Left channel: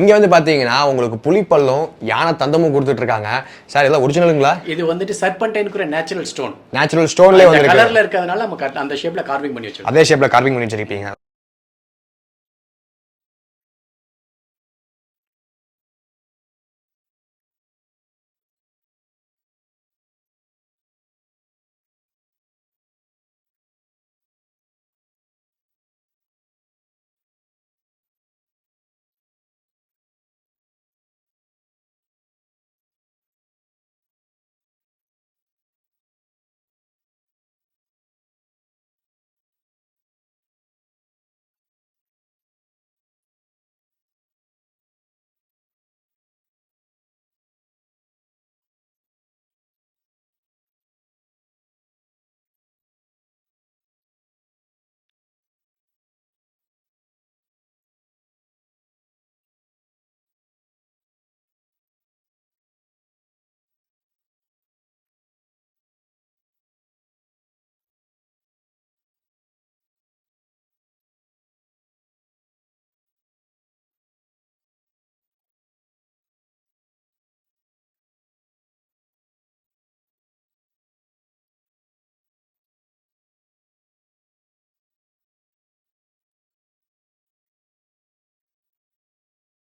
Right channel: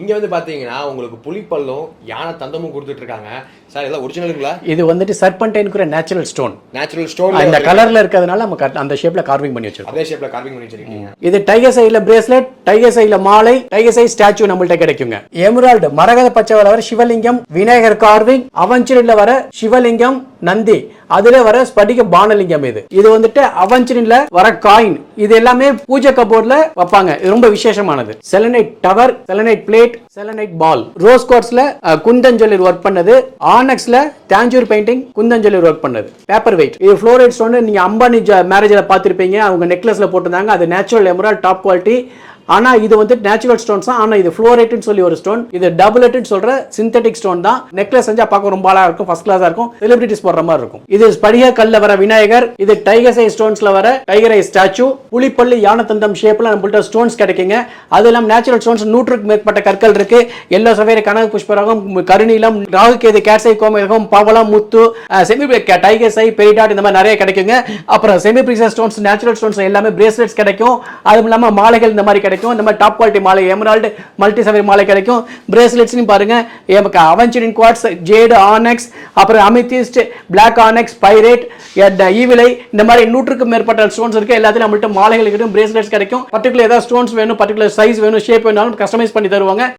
இங்க வந்து பாத்தீங்கன்னா உங்களுக்கு புலிப்பல்லும் யானை தந்தமும் கொடுத்துட்டு இருக்காங்க சார். இதெல்லாம் ஒரிஜினலுங்களா? இது வந்துட்டு சர்பன்டைன்க்குற நேச்சுரல் ஸ்டோன். நேச்சுரல் ஸ்டோன்ல இந்த கலர்ல இருக்கிறதுனால நம்ம அந்த ஷேப்ல கார்விங் பண்ணி வச்சிருக்கோம். அதே ஷேப்ல கார்விங் பண்ணி வச்சிருக்கீங்க. இது டைகர் சைல பிரேஸ்லெட், டைகர் சைல மாலை, டைகர் சை ஸ்டாச்சு நம்மள்ட்ட கிடைக்குங்க. எமரால்டு மரகத பச்சை வர சிவலிங்கம், விநாயகர் கார்விங், அவஞ்சரில வர சிவலிங்கம், நந்தி, அதுல வர ஸ்படிக பானலிங்கம். இது வந்துட்டு அவஞ்சரில வர காயின். இது எல்லாமே பூஜை கபோர்ட்ல வைப்பாங்க. இது ரொம்ப விசேஷமானது. Selenite tower, selenite plate, selenite ball. Rose குவார்ட்ஸ்ல குந்தஞ்சொல்லி ஒர்க் பண்ணது. ஆனக்ஸ்ல தாஞ்சூர் பெயிண்டிங் குந்தஞ்சொல்லி ஒர்க் பண்ணது. Paper weight. இது ஃப்ளோரைட் ஸ்டோன். நீங்க அம்பானி மேரேஜ்ல பாத்திருப்பீங்க, அவங்க நெக்லஸ்ல போட்டிருந்தாங்க. அது நேச்சுரல் எமரால்ட் டாப் குவாலிட்டி. ஆனா இது வந்து நேச்சுரல் ஸ்டோன்ஸ் தான். ஆனா இது ஃப்ளோரைட்னு சொல்லி ஒரு ஸ்டோன். இது டபுளட்னு சொல்ற சிந்தெடிக் ஸ்டோன் தான். நெக்லஸ் செஞ்சா பார்க்க ரொம்ப அழகா இருக்கும், ஃபர்ஸ்ட் கிளாஸா இருக்கும், செலிபிரிட்டிஸ் போடுற மாதிரி இருக்கும். இது ஸ்படிக கல்ல வர விநாயகர். இது டைகர் ஐ ஸ்டோன்ஸ்ல வர டைகர் ஐ ஸ்டாச்சு. புலிப்பல்லு யானை தந்தம் ஷேப்ல நம்மள்ட்ட ஸ்டோன்ஸ் கிடைக்குங்க. அது எல்லாம் நேச்சுரல் ஸ்டோன்ஸ். 100க்கு மேற்பட்ட கற்கள் இருக்கு. எல்லோ சவேரி, கனக புஷ்பராகம், கருநீலம், ராகுகேது, கேட்சை, கோமேதகம், பவளம், முத்து, செமி டைகர் ஐ, பெரிடாட், இந்த மாதிரி நிறைய கிடைக்குங்க. அப்புறம் semi precious stones, natural stones எல்லாமே பிரேஸ்லெட்ஸ் கிடைக்கும். அதுவும் இல்லாம மாலைகள் இந்த மாதிரி கிடைக்கும். நம்ம டாப் குவாலிட்டி மாலை, எமரால்டு மல்டி சவேரி மாலை கிடைக்கும். பிரேஸ்லெட்ஸ் பாருங்க, அவென்ச்சரின் குவார்ட்ஸ், ஜேடு, ஆனெக்ஸ், அப்புறம் அமிதிஸ்ட், பிளாக் ஆனெக்ஸ், பைரேட், ஈவிலை, இந்த மாதிரி 100க்கு மேற்பட்ட ஸ்டோன்ஸ் இருக்கு. எல்லாத்தையும் நம்மள்ட்ட மாலைகள் கிடைக்கும், பிரேஸ்லெட்ஸ் கிடைக்கும். பர்டிகுலர் ஏதாவது ஸ்டோன்ஸ் வேணும், பர்டிகுலர் சைஸ் வேணும், ஷேப் வேணாலும் கஸ்டமைஸ் பண்ணி தருவாங்க.